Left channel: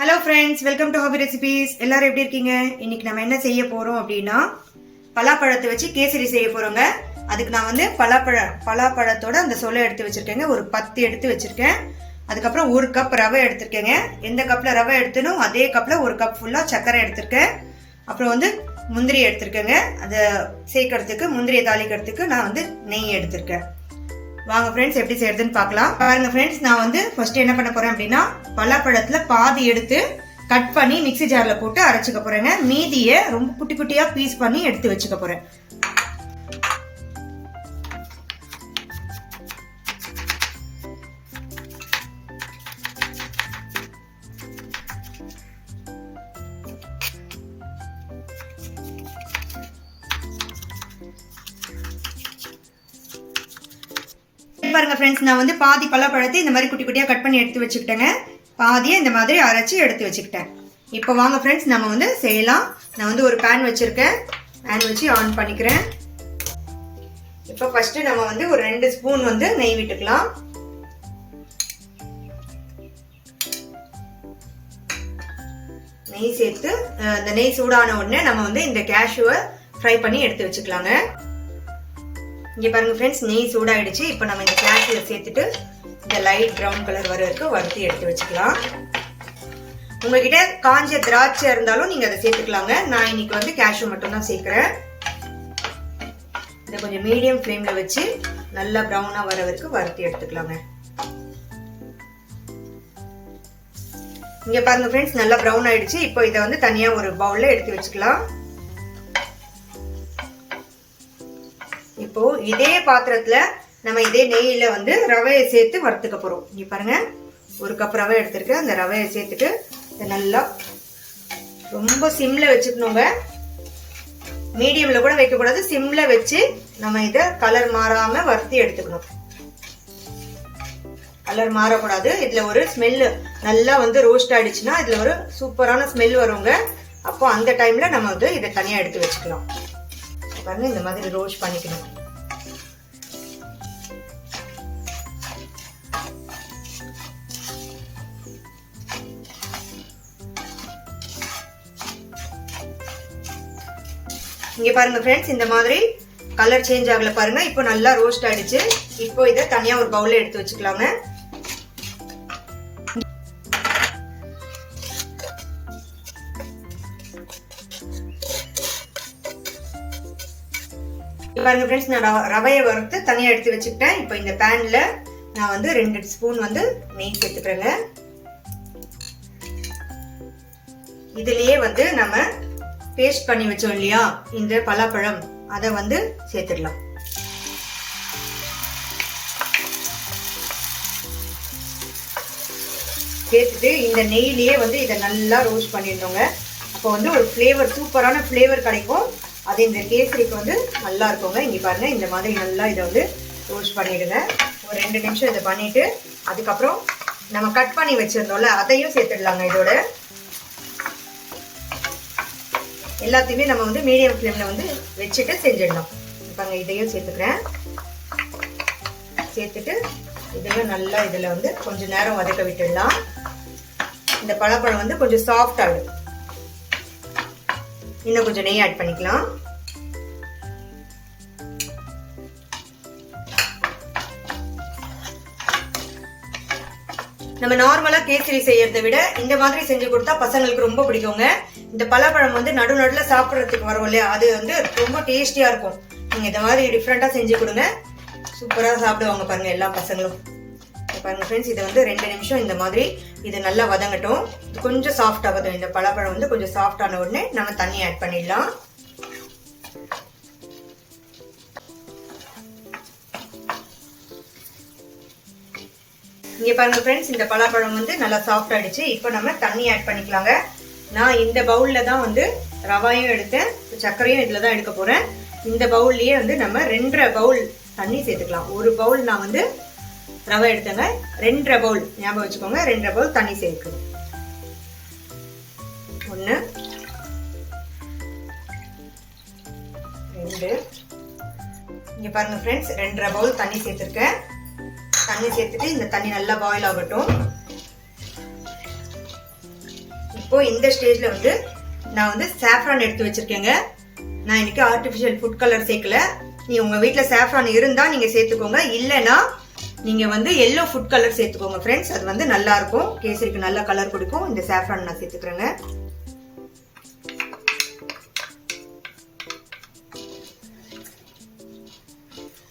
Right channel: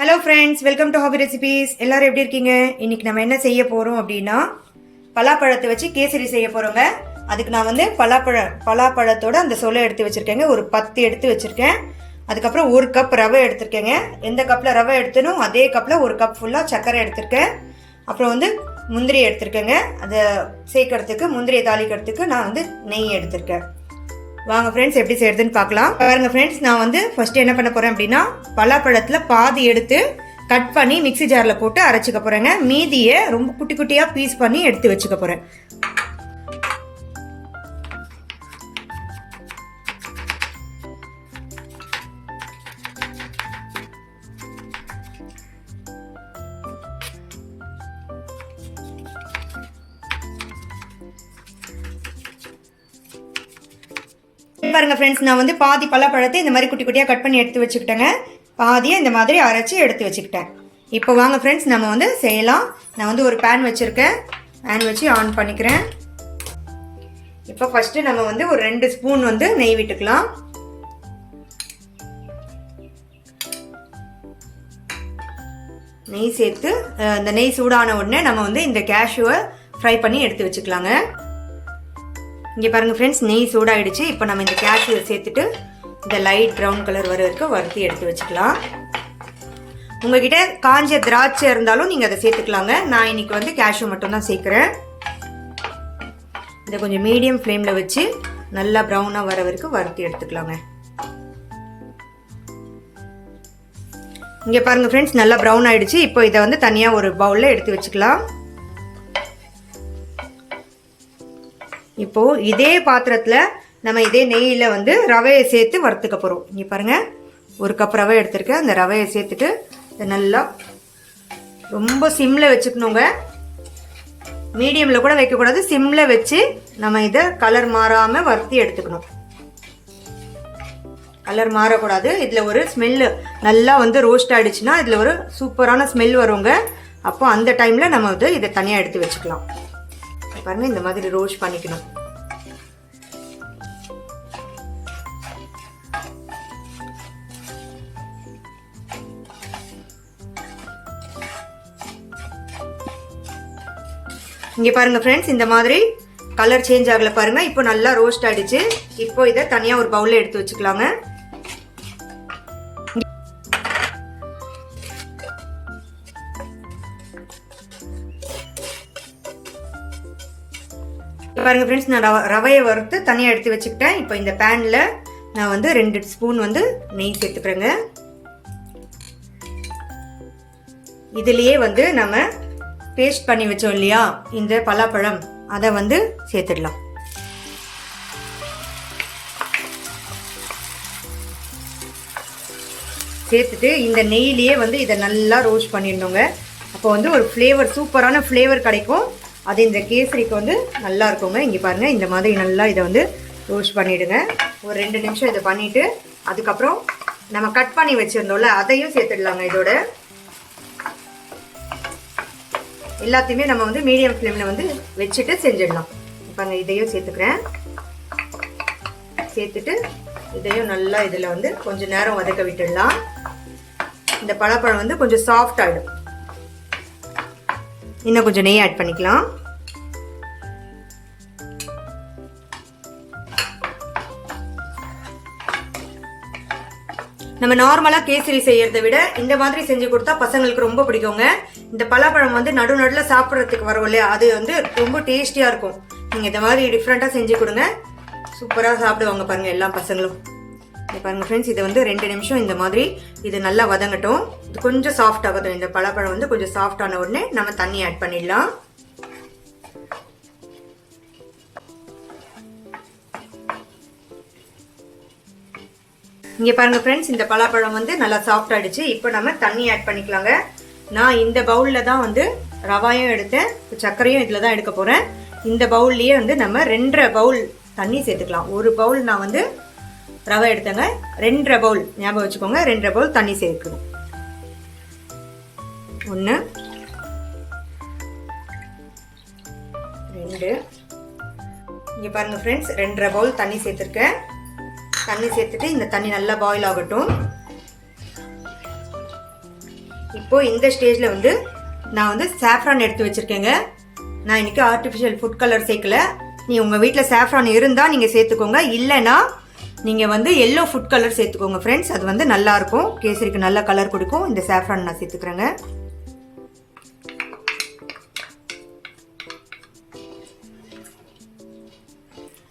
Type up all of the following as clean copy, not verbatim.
Hello friends, welcome to hobby recipes. எல்லாரும் எப்படி இருக்கீங்க? இன்னைக்கு நம்ம என்ன செய்ய போறோம் அப்படின்னா பலாப்பழத்தை வச்சு கேசரி செய்ய போறோங்க. அதுக்கு நான் வந்து பலாப்பழத்தோட அந்த சொலை எடுத்து வச்சிருக்கேங்க. ஒரு 10 எடுத்து வச்சிருக்கேன். அதுக்கப்புறம் 1 கப் ரவை எடுத்திருக்கேங்க. எந்த கப்ல ரவை எடுத்தனோ அதே கப்ல 1 கப் ஃபுல்லா சர்க்கரை எடுத்திருக்கேன். அப்புறம் வந்து முந்திரி எடுத்திருக்கேங்க. அதை சேர்க்கறதுக்கு, முந்திரியை தாளிக்கிறதுக்கு நான் வந்து நெய் எடுத்திருக்கேன். வாங்க ஃப்ரெண்ட்ஸ், எப்படி செய்யறதுன்னு பார்க்கலாம். பாருங்க ஃப்ரெண்ட்ஸ், நான் வந்து ஃபர்ஸ்ட் என்ன பண்ண போறேன் அப்படின்னா பலாப்பழத்துல பாதி எடுத்து கட் பண்ணி மிக்ஸி ஜார்ல போட்டு அரைச்சிக்க போறேங்க. மீதியை ரொம்ப குட்டி குட்டியா பீஸ் பண்ணி எடுத்து வச்சுக்க போறேன். பாருங்க ஃப்ரெண்ட்ஸ், நான் வந்து பாதி பலாப்பழத்தை இந்த மாதிரி குட்டி குட்டியா கட் பண்ணி எடுத்து வச்சுக்கிட்டேங்க. பாதியை இந்த மாதிரி அரைச்சி எடுத்து வச்சுக்கிட்டேன். இப்போ வாங்க ஃப்ரெண்ட்ஸ், நம்ம வந்து செய்யலாம். நான் வந்து ஒரு பேன் வச்சிருக்கேன். பேன் வச்சு ஆன் பண்ணிக்கிறேன். இப்போ ஃபர்ஸ்ட் நம்ம வந்து ஒரு 2 ஸ்பூன் வந்து நெய் விட்டுக்கலாம். நெய் சேர்த்து இந்த நெய் சூடான உடனே நம்ம வந்து இந்த கேஷ்யூவை ஃப்ரை பண்ணி எடுத்து வச்சுக்கலாங்க. இங்க பாருங்க ஃப்ரெண்ட்ஸ், நெய் சூடாயிடுச்சு. இப்போ நம்ம இந்த கேஷ்யூ சேர்த்துட்டு இந்த லைட் ப்ரௌன் கலர் வர வரைக்கும் வறுத்து எடுத்து வச்சுக்கலாம். உங்ககிட்ட காஞ்ச திராட்சை இருந்தாலும் நீங்க அதை சேர்த்துக்கலாங்க. நான் இன்னைக்கு வந்து கேஷ்யூ மட்டும் தான் சேர்க்கிறேன். இதை கொஞ்சம் மீடியம் ஃப்ளேம்ல வச்சு நல்லா ப்ரௌனா வர வரைக்கும் வறுத்து எடுத்துக்கலாங்க. இங்க பாருங்க ஃப்ரெண்ட்ஸ், நல்லா ப்ரௌன் ஆயிடுச்சு. இப்போ இதை வந்து தனியா ஒரு பவுல்ல எடுத்து வச்சுக்கலாம். இப்போ இதே பாத்திரத்துல நம்ம இதே நெய்யில வந்து ரவையை சேர்த்து வறுத்துக்க போறோம். இங்க பாருங்க, 1 கப் ரவை எடுத்திருக்கேன். அந்த ரவையை சேர்த்துட்டு நல்லா ரொம்ப சிம்ல வச்சுக்கணுங்க. மீடியம்ல கூட வைக்க கூடாது, சிம்ல வச்சு நம்ம இத கலர் மாறாம வறுத்து எடுத்துக்கணும். கலர் மாறக்கூடாது. இதுல ஒரு ஸ்மெல் நல்லா வந்து ரோஸ்ட் ஆயிடுச்சுன்னா இதுல ஒரு சூப்பரான ஸ்மெல் வருங்க. அப்போ அந்த டைம்ல நம்ம வந்து இதை தனியா எடுத்து வச்சுக்கலாம். பாருங்க, இந்த மாதிரி ரோஸ்ட் பண்ணிக்கணும். இங்க பாருங்க ஃப்ரெண்ட்ஸ், இந்த மாதிரி கலர் சேஞ்ச் ஆகல பாருங்க. இப்போ நல்லா ரோஸ்ட் ஆயிடுச்சு. இப்போ இதை தனியா ஒரு பவுல்ல எடுத்து வச்சுக்கலாங்க. பாருங்க ஃப்ரெண்ட்ஸ், நான் ரவையை வறுத்து தனியா எடுத்து வச்சுக்கிட்டேன். இப்போ இந்த பேன்ல நான் வந்து 2 ஸ்பூன் வந்து நெய் சேர்த்துக்கிறேங்க. இதுலயே வந்து நம்ம பேஸ்ட் பண்ணி வச்சோம் இல்லையா இந்த பலாப்பழம், அதை வந்து சேர்த்துடலாம். சேர்த்துட்டு இந்த நெய்லயே வந்து இதை நல்லா ரோஸ்ட் பண்ணிடணுங்க. அப்போ வந்து ஒரு ஃப்ளேவர், சூப்பரான ஃப்ளேவர் கிடைக்கும். அது இந்த கேசரிக்கு வந்து நல்லா இருக்குங்க. இங்க பாருங்க, இந்த மாதிரி நல்லா இதை வந்து ரோஸ்ட் பண்ணிடுங்க. ஒரு 2 நிமிஷம் இதை பண்ணிட்டு அதுக்கப்புறம் நம்ம கட் பண்ணி வச்சிருந்தோம்ல அதையும் சேர்த்துடலாங்க. இதோட எல்லாத்தையுமே நம்ம வந்து மீடியம் ஃப்ளேம்ல வந்து வச்சுட்டு செஞ்சிடலாம். பாருங்க, இதையும் சேர்த்துக்கிறேன். சேர்த்துட்டு இதையும் நல்லா இதுல வந்து கொஞ்ச நேரம் வதக்க விட்டுடலாம். இந்த பலாப்பழம் வந்து கொஞ்சம் சாஃப்ட் ஆயிடும். இன்னும் கொஞ்சம் நெய் ஆட் பண்ணிக்கலாம். நம்ம நார்மலா கேசரி செய்யறதை விட இந்த மாதிரி செஞ்சு கொடுத்தா பசங்களுக்கு ரொம்ப பிடிக்குங்க. இந்த பலாப்பழம் வந்து நடுநடுல சாப்பிடறதுக்கு வரும் இல்லையா, அது வந்து ரொம்ப டேஸ்டியா இருக்கும். நீங்க இந்த மாதிரி டிஃப்ரெண்டா செஞ்சு கொடுங்க, சூப்பரா சாப்பிடுவாங்க பாருங்க எல்லா பசங்களும். பாருங்க ஃப்ரெண்ட்ஸ், இதை வந்து 2 நிமிஷம் இந்த மாதிரி இது நல்லா வதங்கட்டும். இது கொஞ்சம் சாஃப்ட் ஆகட்டும். இந்த பலாப்பழம் வந்து கொஞ்சம் சாஃப்ட் ஆன உடனே நம்ம தண்ணி ஆட் பண்ணிடலாம். இங்க பாருங்க ஃப்ரெண்ட்ஸ், இந்த பலாப்பழம் வந்து நல்லா சாஃப்ட் ஆயிடுச்சு. இப்போ நம்ம தண்ணி ஆட் பண்ணிக்கலாங்க. நான் இந்த பவுல்ல தான் வந்து ரவாயும் எடுத்தேன், சர்க்கரையும் இதுல தான் எடுக்க போறேன். இந்த பவுல்லயே வந்து நம்ம 2.5 பவுல் தண்ணி சேர்த்துக்கலாம். 1 பவுல் நான் வந்து ரவை எடுத்தங்க, 2.5 பவுல் ஞாபகம் வச்சுக்கோங்க. 2.5 பவுல் தண்ணி சேர்க்கணும். 1 2. இங்க பாருங்க ஃப்ரெண்ட்ஸ், 2.5 பவுல் தண்ணி சேர்த்திருக்கேன். தண்ணி சேர்த்துட்டு இந்த தண்ணி நல்லா பாயில் ஆகட்டும். இப்போ இந்த ஸ்டேஜ்ல வந்து நான் வந்து சாஃப்ரான் எடுத்து வச்சிருக்கேங்க. நான் இன்னைக்கு ஆர்டிஃபிஷியல் ஃபுட் கலர் சேர்க்கல. நீ உங்க வீட்டில் சாஃப்ரான் இருந்தா நீங்க சேர்த்துக்கோங்க, இல்லைன்னா நீங்க வந்து எல்லோ ஃபுட் கலர் சேர்த்துக்கோங்க ஃப்ரெண்ட்ஸ். அது வந்து நல்லா இருக்கும், கேசரிக்கு நல்ல கலர் கொடுக்கும். இந்த சாஃப்ரான் நான் சேர்த்துக்கிறேங்க.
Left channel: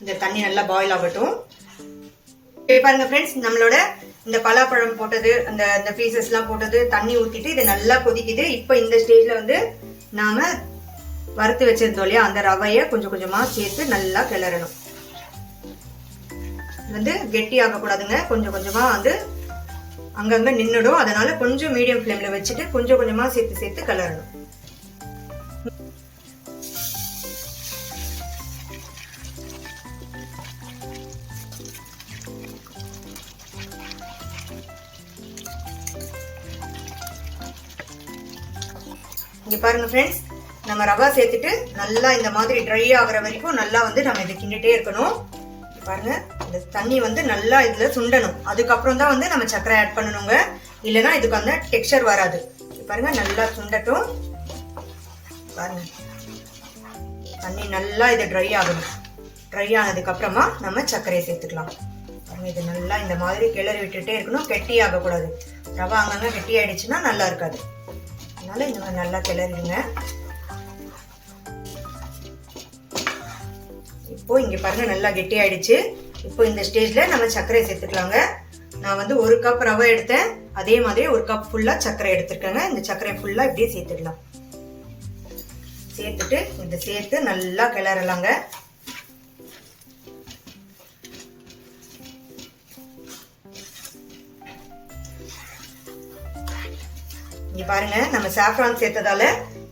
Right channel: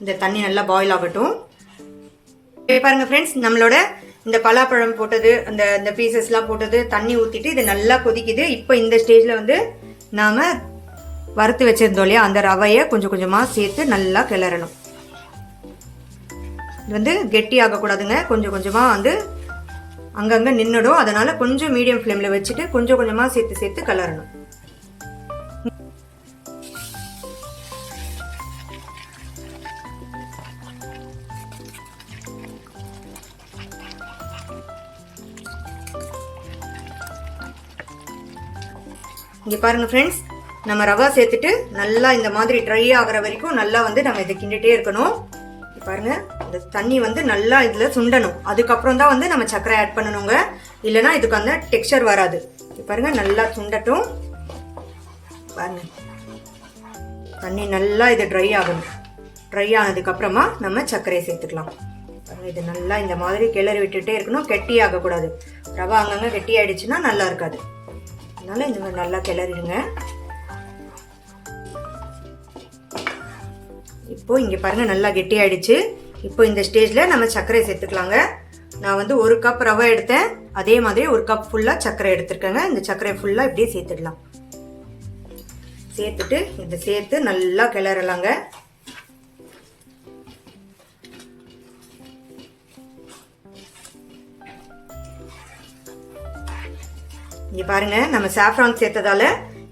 இந்த தண்ணி நல்லா பாயில் ஆகட்டும். பாருங்க ஃப்ரெண்ட்ஸ், நம்மளோட இந்த பலாப்பழம் போட்டது, அந்த பீசஸ்லாம் போட்டது, தண்ணி ஊற்றிட்டு இது நல்லா கொதிக்குது. இப்போ இந்த ஸ்டேஜ்ல வந்து நாம வறுத்து வச்சிருந்தோம் இல்லையா, அந்த ரவையை கொஞ்சம் கொஞ்சமா சேர்த்து நல்லா கிளறணும். இது வந்து கெட்டி ஆகக்கூடாதுங்க, கொஞ்சம் கொஞ்சமா வந்து அங்கங்க நின்னுடும். அதனால கொஞ்சம் மீடியம் ஃப்ளேம்ல வச்சுட்டு கொஞ்சம் கொஞ்சமா சேர்த்து சேர்த்து கிளறணும். இங்க பாருங்க ஃப்ரெண்ட்ஸ், நம்ம ரவா சேர்த்துட்டு நல்லா இந்த மாதிரி ட்ரை ஆகிற வரைக்கும் நல்லா வந்து நம்ம இதை கிண்டிட்டே இருக்கணும். பாருங்க, இந்த தண்ணி வந்து நல்லா இதுல சுண்டணும். அதுக்கப்புறம் தான் வந்து நம்ம சர்க்கரை ஆட் பண்ணணுங்க, இல்லைன்னா இதுக்கு வந்து டெக்ஸ்சர் வராது. பாருங்க, நல்லா சுண்டட்டும். பாருங்க, தண்ணி நல்லா இது ட்ரை ஆகணும். ட்ரை ஆனதுக்கு அப்புறமா நம்ம சர்க்கரையை சேர்த்துக்கலாம். பாருங்க, இது நல்லா இந்த மாதிரி கிளறி விட்டுட்டே இருக்கணும், கெட்டி ஆகக்கூடாது. ரவா அங்கங்க கெட்டி ஆயிடுச்சுன்னா நல்லா இருக்காது. அதனால இந்த மாதிரி நல்லா கிளறிடுங்க. இப்போ இங்க பாருங்க நல்லா கெட்டி ஆயிடுச்சு. இப்போ இந்த ஸ்டேஜ்ல நம்ம சர்க்கரை சேர்த்துக்கலாங்க. நான் வந்து 1 கப் ரவை எடுத்தேன், அதே மாதிரி 1 கப் ஃபுல்லா சர்க்கரை எடுத்திருக்கேங்க. இந்த சர்க்கரை ஃபுல்லா இப்படியே சேர்த்துடலாம். சேர்த்துட்டு இதை சேர்த்து நல்லா கிளறலாங்க. இங்க பாருங்க, நம்ம சாஃப்ரான் சேர்த்ததால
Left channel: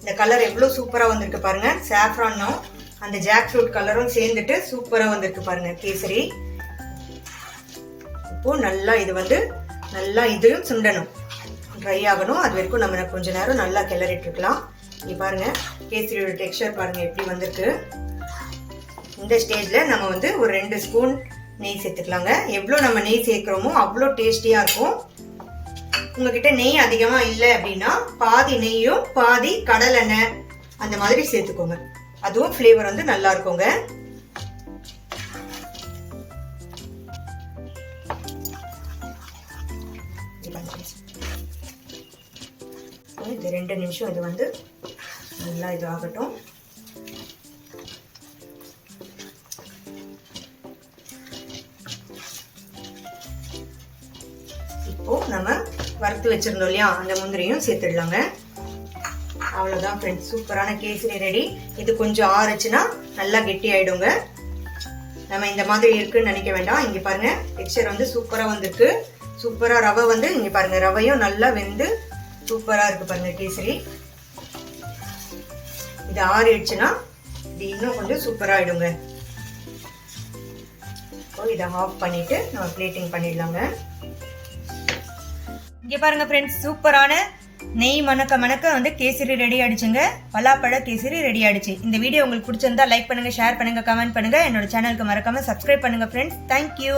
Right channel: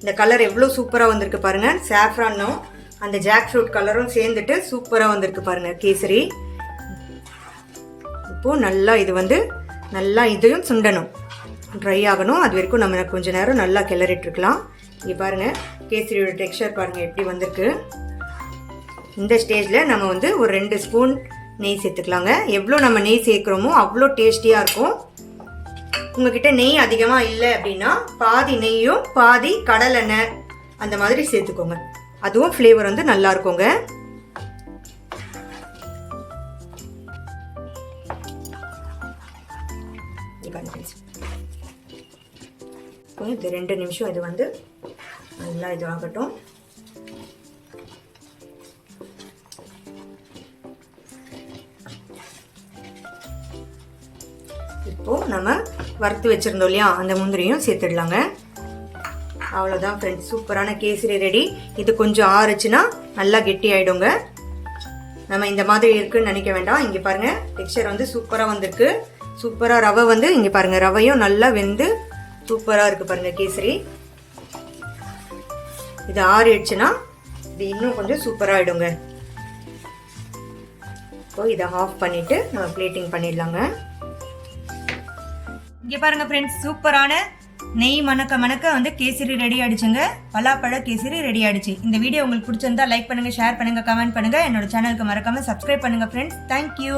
இந்த கலர் எவ்வளவு சூப்பரா வந்திருக்கு பாருங்க. சாஃப்ரானும் அந்த ஜாக் ஃப்ரூட் கலரும் சேர்ந்துட்டு சூப்பரா வந்திருக்கு பாருங்க கேசரி. இப்போ நல்லா இது வந்து நல்லா இதையும் சுண்டணும், ட்ரை ஆகணும். அது வரைக்கும் நம்ம கொஞ்ச நேரம் நல்லா கிளறிட்டு இருக்கலாம். இங்க பாருங்க, கேசரியோட டெக்ஸ்சர் பாருங்க எப்படி வந்திருக்கு. இந்த ஸ்டேஜ்ல நம்ம வந்து ஒரு 2 ஸ்பூன் நெய் சேர்த்துக்கலாங்க. எவ்வளவு நம்ம நெய் சேர்க்கிறோமோ அவ்வளோ டேஸ்டியா இருக்கும். உங்ககிட்ட நெய் அதிகமா இல்லை அப்படின்னா பாதி நெய்யும் பாதி கடலெண்ணெய் அந்த மாதிரி சேர்த்துக்கோங்க. அதுவும் ஃப்ளேவர் வந்து நல்லா இருக்குங்க. இது 2 நிமிஷம் இது வந்து நல்லா இது ஆகட்டும். இப்போ நம்ம வறுத்து வச்சிருந்தோம் இல்லையா, அந்த முந்திரியும் சேர்த்துடலாங்க. அவ்வளவுதான் ஃப்ரெண்ட்ஸ், சூப்பரான கேசரி ரெடி. இது கொஞ்சம் ஆறுச்சுன்னா நல்லா கெட்டி ஆயிடுங்க. நம்ம இந்த மாதிரி இருக்குன்னு நினைக்க வேண்டாம். இங்க பாருங்க, டெக்ஸ்சர் வந்து சூப்பரா வந்திருக்கு. சூப்பரா ரவை வந்து இங்க பாருங்க, ரவையும் நல்லா வெந்து சூப்பரா இருக்கு பாருங்க கேசரி. இது ஆறிடுச்சுன்னா இது இன்னும் கொஞ்சம் சூப்பரா ஆயிடுங்க. இதை ஆஃப் பண்ணிட்டு நம்ம பிளேட்டிங் பண்ணிடலாங்க. இங்க பாருங்க ஃப்ரெண்ட்ஸ், சூப்பரான நெய் மணக்க மணக்க வந்து கேசரி ரெடி ஆயிடுச்சுங்க. பலாப்பழ கேசரி ரெடி ஆயிடுச்சு. இந்த வீடியோ உங்களுக்கு பிடிச்சிருந்தா லைக் பண்ணுங்க, ஷேர் பண்ணுங்க, கமெண்ட் பண்ணுங்க. என்னோட சேனலுக்கு மறக்காம சப்ஸ்கிரைப் பண்ணுங்க ஃப்ரெண்ட்ஸ். தேங்க்யூ.